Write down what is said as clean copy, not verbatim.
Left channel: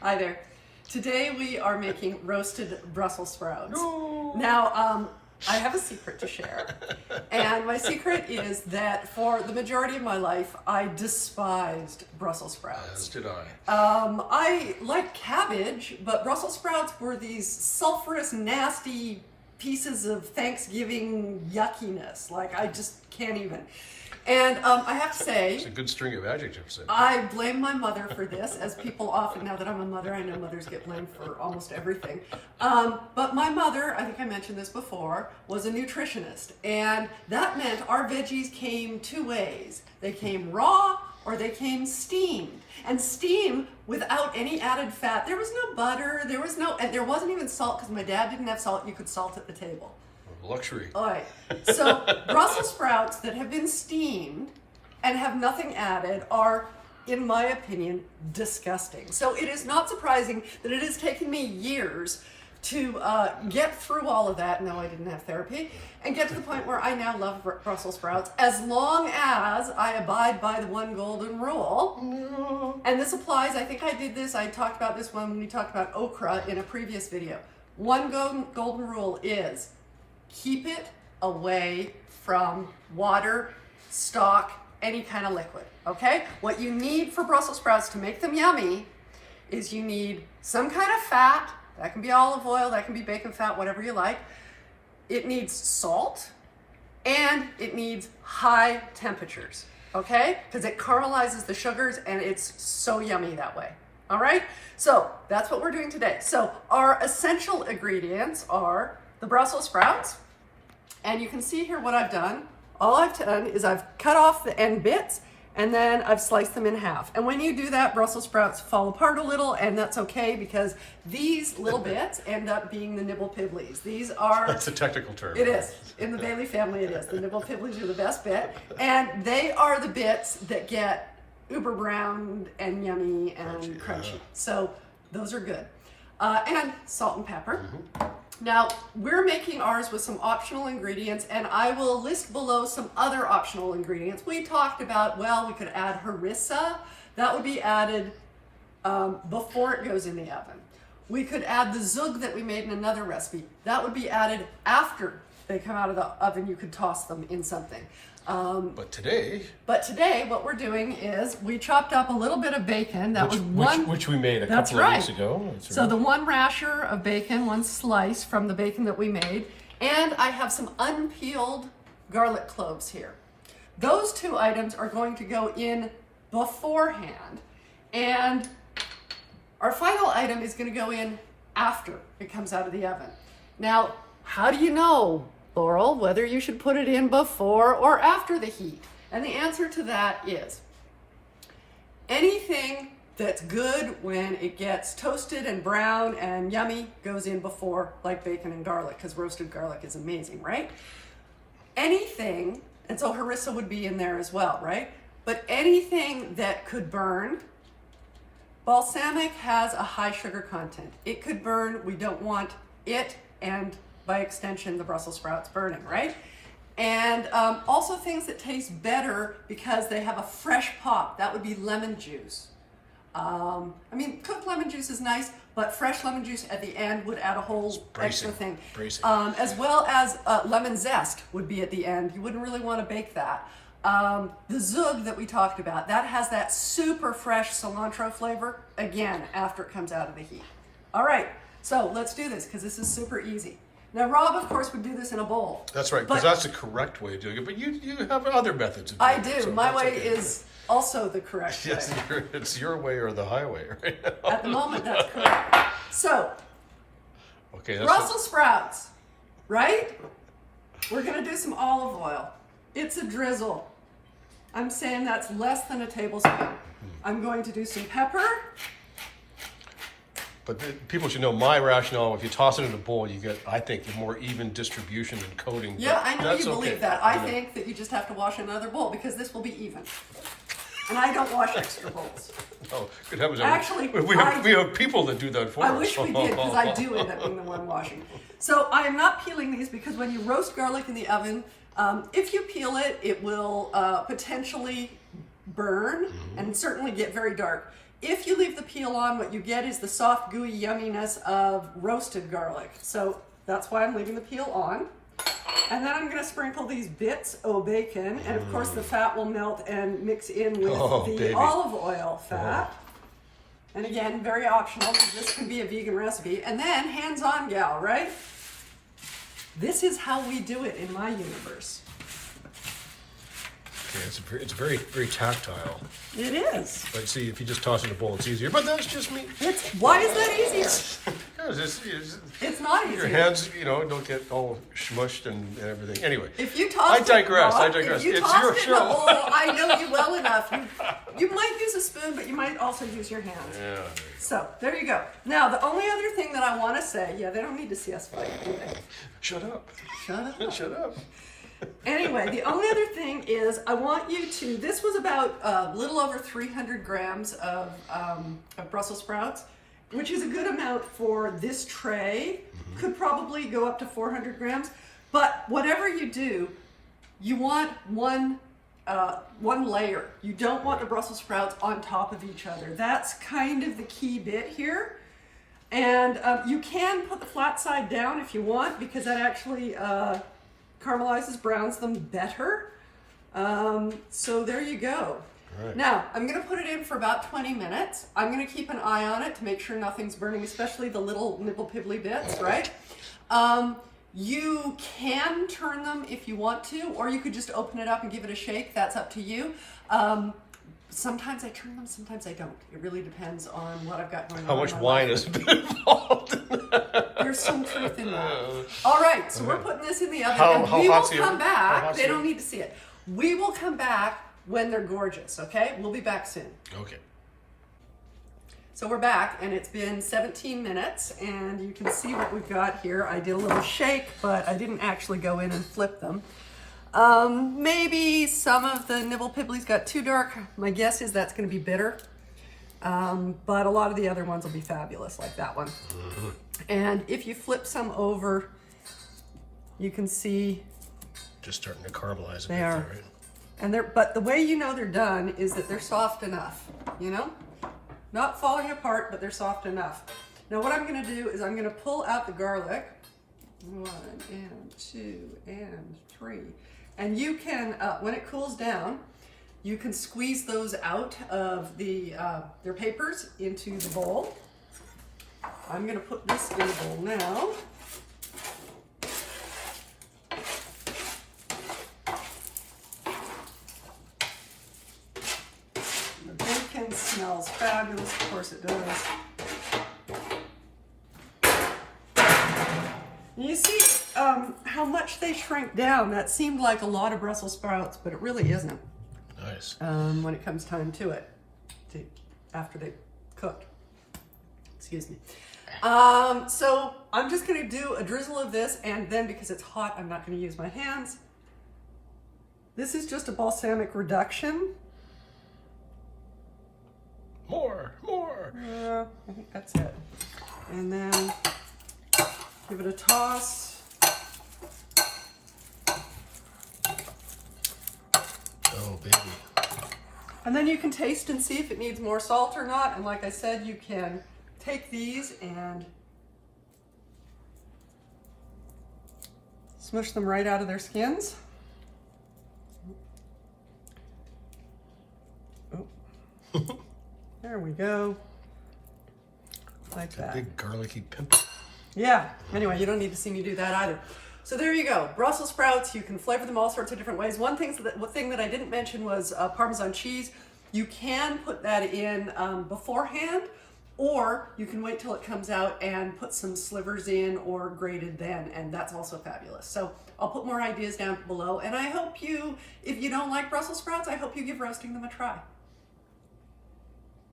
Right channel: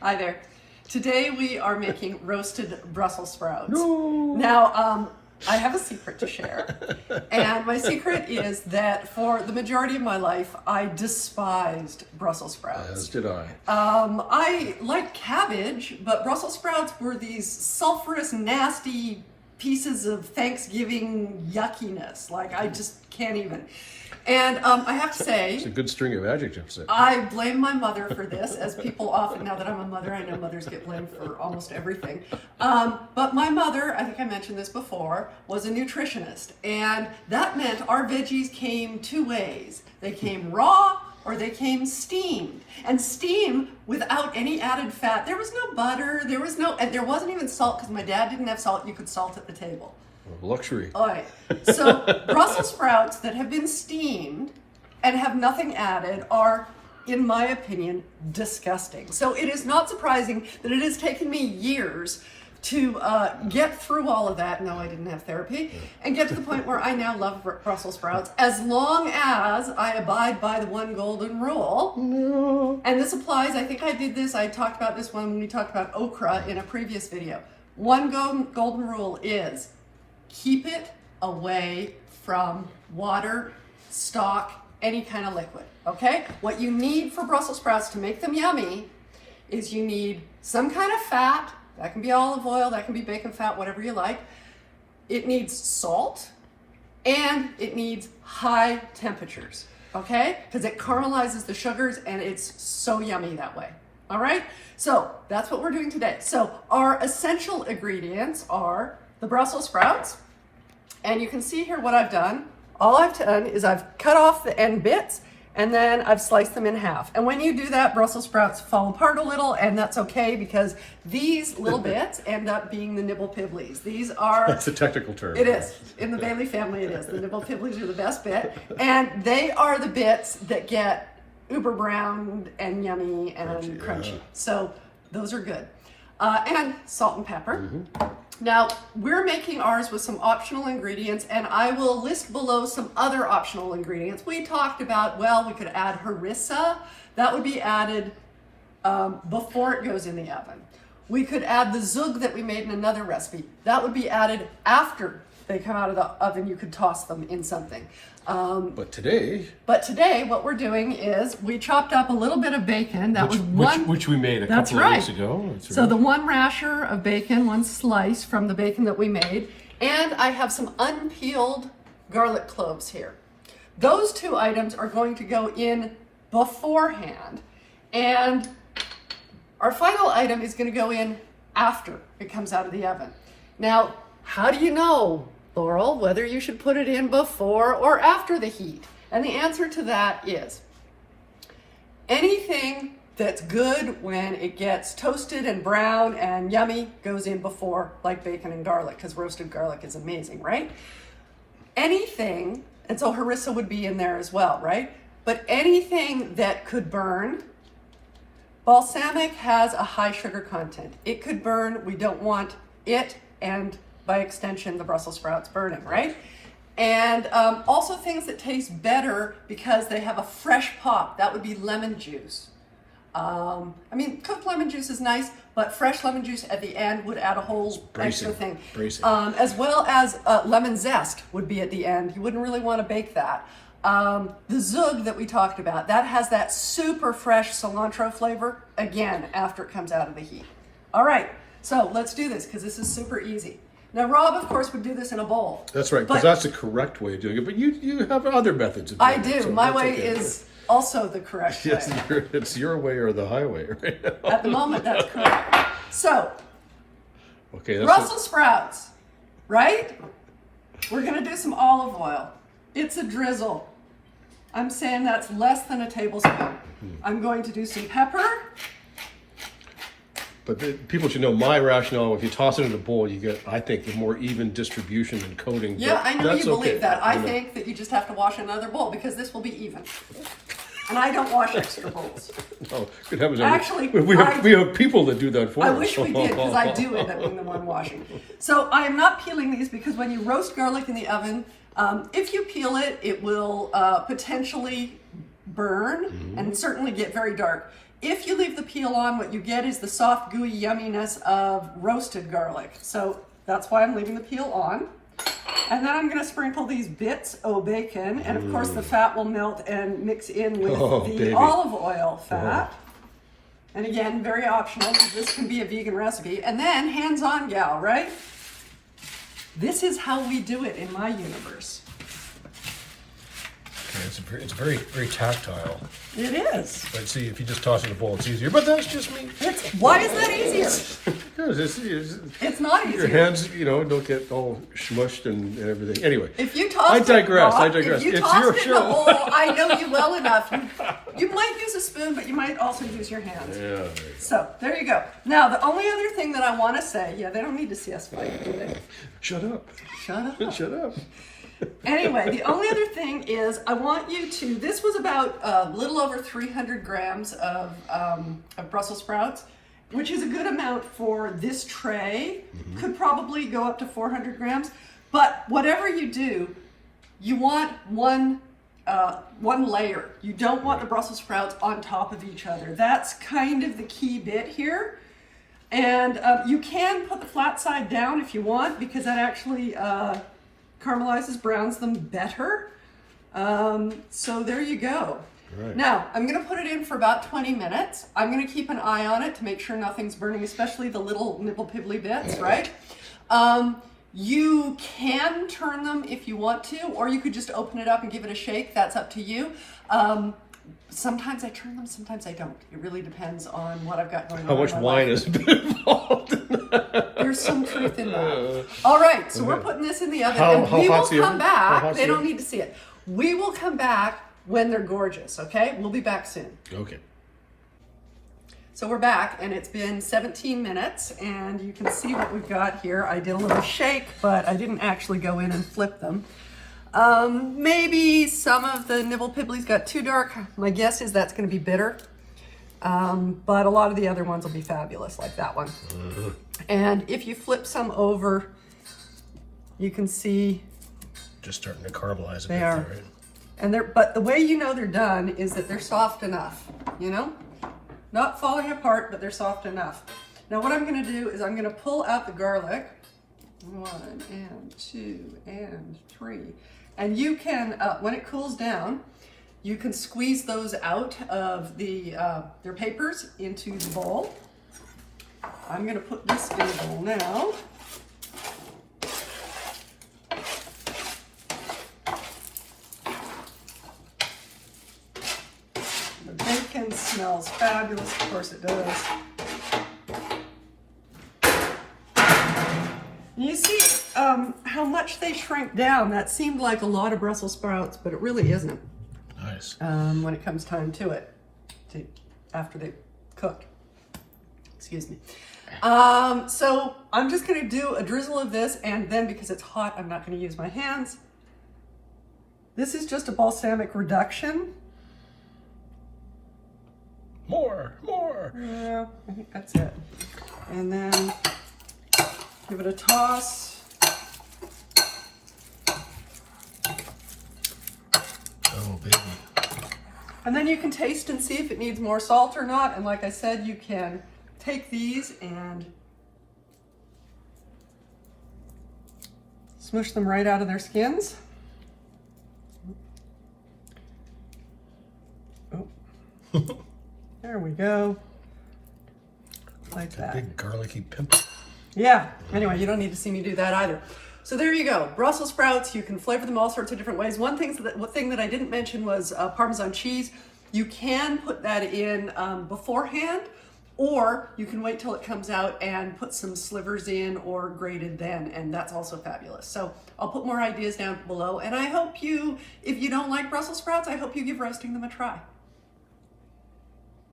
Hi there. Today we are making roasted Brussels sprouts. No. Now, I have a secret to share. And my secret is that for the majority of my life, I despised Brussels sprouts. As did I. I like cabbage, but Brussels sprouts were these sulfurous, nasty pieces of Thanksgiving yuckiness. Like, I just can't even. And I have to say, It's a good string of adjectives there. I blame my mother for this, as people often, now that I'm a mother, I know mothers get blamed for almost everything. But my mother, I think I mentioned this before, was a nutritionist. And that meant our veggies came two ways. They came raw or they came steamed. And steam without any added fat. There was no butter, and there wasn't even salt, because my dad didn't have salt. You could salt at the table. Luxury. All right. So Brussels sprouts that have been steamed and have nothing added are, in my opinion, disgusting. So it is not surprising that it has taken me years to get through all of that. No, I didn't have therapy, and get to the point where I now love Brussels sprouts, as long as I abide by the one golden rule. No. And this applies, I think I did this, I talked about this when we talked about okra in a previous video. One golden rule is keep it away from water, stock, any kind of liquid, okay? What you need for Brussels sprouts to make them yummy is you need some kind of fat. That can be olive oil, that can be bacon fat, whatever you like. It needs salt, and it needs high temperatures, okay? Because it caramelizes the sugars, and it's so yummy that way, all right? So that's what we're doing today. So our essential ingredients are the Brussels sprouts, and you can see here what I've done. All I've done is I've cut off the end bits, and then I've sliced them in half. And when you do that, Brussels sprouts fall apart a little, and that's okay, because these little bits end up being the nibble pibblies. These are... That's a technical term. It is. In the Bailey family, it is. The nibble pibblies are the best bit, and they are the bits that get uber brown and yummy and crunchy. Yeah. So those are good. And salt and pepper. Now, we're making ours with some optional ingredients, and I will list below some other optional ingredients. We talked about, well, we could add harissa. That would be added before it goes in the oven. We could add the zhug that we made in another recipe. That would be added after they come out of the oven. You could toss them in something. But today, what we're doing is we chopped up a little bit of bacon. That was one, which we made a that's couple right. of weeks ago. That's So right. the one rasher of bacon, one slice from the bacon that we made, and I have some unpeeled garlic cloves here. Those two items are going to go in beforehand, and our final item is going to go in after it comes out of the oven. Now, how do you know, Laurel, whether you should put it in before or after the heat? And the answer to that is anything that's good when it gets toasted and brown and yummy goes in before, like bacon and garlic, because roasted garlic is amazing, right? Anything, and so harissa would be in there as well, right? But anything that could burn, balsamic has a high sugar content. It could burn. We don't want it, and by extension, the Brussels sprouts burning, right? And also things that taste better because they have a fresh pop. That would be lemon juice. I mean, cooked lemon juice is nice, but fresh lemon juice at the end would add a whole extra thing. As well as lemon zest would be at the end. You wouldn't really want to bake that. The zhug that we talked about, that has that super fresh cilantro flavor, again, after it comes out of the heat. All right, so let's do this, because this is super easy. Now, Rob, of course, would do this in a bowl. That's right, because that's the correct way of doing it. But you have other methods. I do. So my way is also the correct way. Yes, it's your way or the highway right now. At the moment, that's correct. So, okay, Brussels sprouts, right? We're going to do some olive oil. It's a drizzle. I'm saying that's less than a tablespoon. I'm going to do some pepper. But people should know my rationale. If you toss it in a bowl, you get, I think, a more even distribution and coating. Yeah, I know you believe that. I think that you just have to wash another bowl, because this will be even. And I don't wash extra bowls. Oh, good heavens. Actually, we have people that do that for us. I wish we did, because I do end up being the one washing. So I am not peeling these, because when you roast garlic in the oven, if you peel it, it will potentially burn and certainly get very dark. If you leave the peel on, what you get is the soft, gooey yumminess of roasted garlic. So that's why I'm leaving the peel on. And then I'm gonna sprinkle these bits of bacon, and of course the fat will melt and mix in with the olive oil fat. And again, very optional, because this can be a vegan recipe. And then, hands-on gal, right? This is how we do it in my universe. Okay, it's very, very tactile. It is. But see, if you just toss it in a bowl, it's easier. But that's just me. Why is that easier? Because it's not easier. Your hands, don't get all smushed and everything. Anyway, if you toss I digress. If you toss it in a bowl, I know you well enough. You might use a spoon, but you might also use your hands. Yeah. So there you go. Now the only other thing that I want to say, they don't need to see us fight, do they? Shut up. Shut up. Shut up. Anyway, the only other thing is I want you to, this was about a little over 300 grams of Brussels sprouts, which is a good amount for this tray. Could probably go up to 400 grams, but whatever you do, you want one layer. You don't want the Brussels sprouts on top of each other. That's kind of the key bit here. And you can put the flat side down if you want, because that actually caramelizes, browns them better. So there you go. Right. Now, I'm gonna put it in for about 20 minutes. I'm gonna keep an eye on it to make sure nothing's burning, especially the little nibble pibbly bits, right? You can turn them if you want to, or you could just open it up and give it a shake. That's up to you. Sometimes I turn them, sometimes I don't. It really depends on what I've got going on. How much wine is involved in that? There's some truth in that. All right, so we're putting this in the oven, and we will come back. They don't need to see it. We will come back when they're gorgeous, okay? We'll be back soon. Okay. So we're back, and it's been 17 minutes, and you can see what we've got here. I did a little shake, but I didn't actually go in and flip them. Maybe some of the nibble pibblies got too dark. My guess is that's going to be bitter. But a lot of the other ones will be fabulous, like that one. And if you flip some over, you can see just starting to caramelize a they bit are. there, right? And but the way you know they're done is that they're soft enough, Not falling apart, but they're soft enough. Now what I'm going to do is I'm going to pull out the garlic. 1 and 2 and 3. And you can, when it cools down, you can squeeze those out of their papers into the bowl. I'm going to put this in the bowl now. The bacon smells fabulous, of course it does. You see how much they shrink down. That seemed like a lot of Brussels sprouts, but it really isn't. Nice. When it comes time to it, after they've cooked. Excuse me. So I'm just going to do a drizzle of this, and then because it's hot, I'm not going to use my hands. This is just a balsamic reduction. More. Yeah, I think that's it. And then give it a toss. Oh, baby. And then you can taste and see if it needs more salt or not. And like I said, you can take these and smush them right out of their skins. Oh. There we go. Like that. Big garlicky pimple. Yeah, anyway, you don't need to see me do that either. So there you go, Brussels sprouts. You can flavor them all sorts of different ways. One thing that I didn't mention was Parmesan cheese. You can put that in beforehand, or you can wait till it comes out and put some slivers in or grated then, and that's also fabulous. So I'll put more ideas down below, and I hope you, if you don't like Brussels sprouts, I hope you give roasting them a try.